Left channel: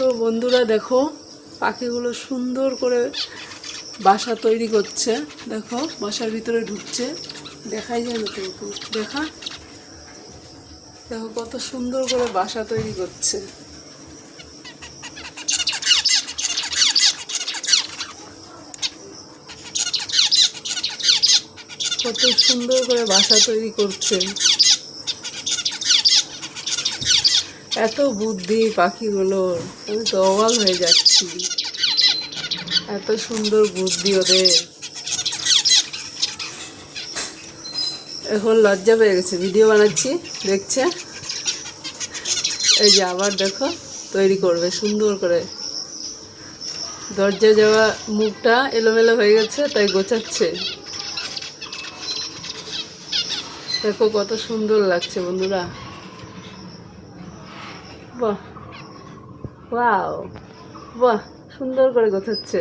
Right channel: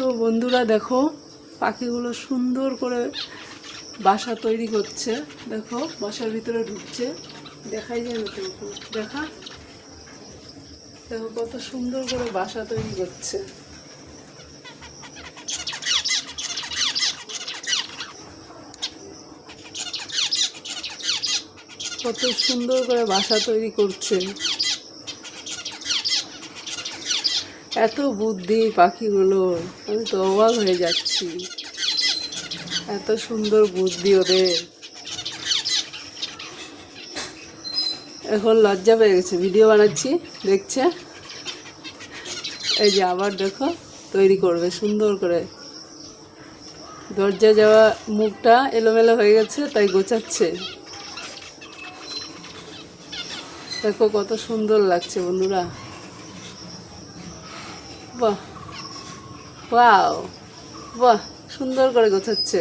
তো বন্ধুরা দেখো, পাখিগুলো সুন্দর করে বাসা তৈরি করছে। দেখো বাসার ভিতরে ঢুকছে, দেখাই যায় না তো, দেখা দেখো কত সুন্দর করে বাসা তৈরি করছে। কত সুন্দর করে বাসা তৈরি করছে। এত বুদ্ধি পাখিগুলোর, আমি তো অবাক হয়ে যাচ্ছি। এত সুন্দর বুদ্ধি ওদের। এখন লজ্জা পেয়ে গেছে, ভিডিও বানাচ্ছি দেখছে। এই যে আবার দেখো তৈরি করবে সুন্দর করে। দরজা যাওয়া মুখটা এলোমেলো হয়ে গেছে, তাই গোছাচ্ছে। দেখো কত সুন্দর লাগছে বন্ধুরা। বাহ, ওয়াও, বাহ, সুন্দর করে গোছাচ্ছে।